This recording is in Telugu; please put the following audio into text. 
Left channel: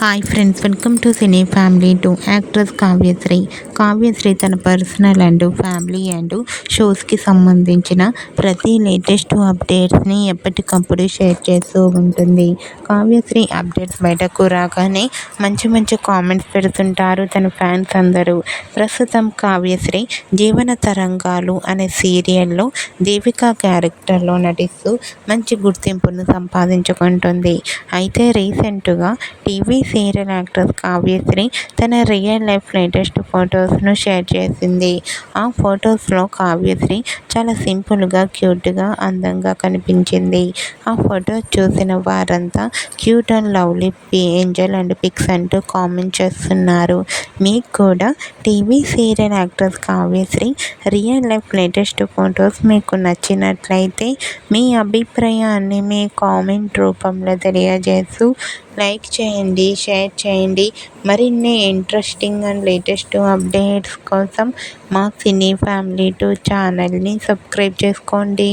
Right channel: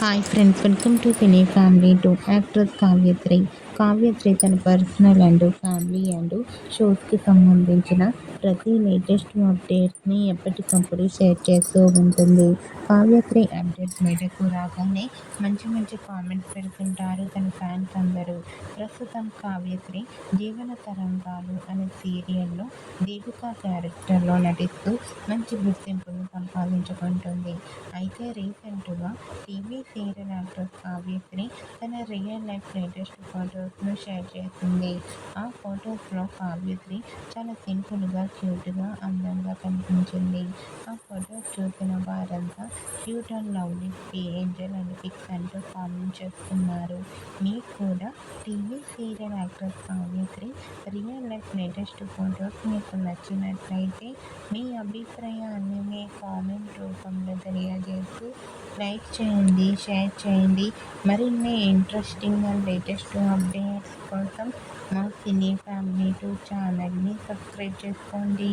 Hi friends, welcome to cine family to actress Kavyasri. Kavyasri తన పర్సనల్ అండ్ ఫ్యామిలీ అండ్ షోస్కి సంబంధించిన ప్రతి లేటెస్ట్ అప్డేట్స్ని ఎప్పటికప్పుడు షేర్ చేస్తూ ఉంటుంది. కావ్యశ్రీ అప్డేట్స్ బయటకు రాగానే మంచి మంచి కామెంట్స్ పెడుతుంటారు తన ఫ్యాన్స్ అందరూ. ప్రస్తుతం కావ్యశ్రీ జీవన తరంగాలు అనే సీరియల్లో దేవిక క్యారెక్టర్లో నటిస్తూ మంచి గుర్తింపును సంపాదించుకుంటుంది. అయితే రీసెంట్గా టీవీ సీరియల్ యాక్ట్రెస్ కావ్యశ్రీ తన రియల్ లైఫ్ లేటెస్ట్ ఫొటోస్ను షేర్ చేసింది. ఆ ఫొటోస్లో కావ్యశ్రీ చాలా సింపుల్గా, క్యూట్గా, అందంగా కనిపించింది. ఆ ఫొటోస్ చూసిన వారంతా cute and lovely angel and pics అంటూ కామెంట్ చేస్తున్నారు. మీకు కూడా TV serial actress Kavyashree real life latest photos మీకు నచ్చినట్లయితే మీ అభిప్రాయాన్ని మీ కామెంట్ రూపంలో తెలియజేస్తూ లైక్ చేయండి, షేర్ చేయండి. మరిన్ని ఇంట్రెస్టింగ్ అండ్ లేటెస్ట్ అప్డేట్స్ కోసం మా సినీ ఫ్యామిలీ 2 ఛానల్ని సబ్స్క్రైబ్ చేసుకోండి.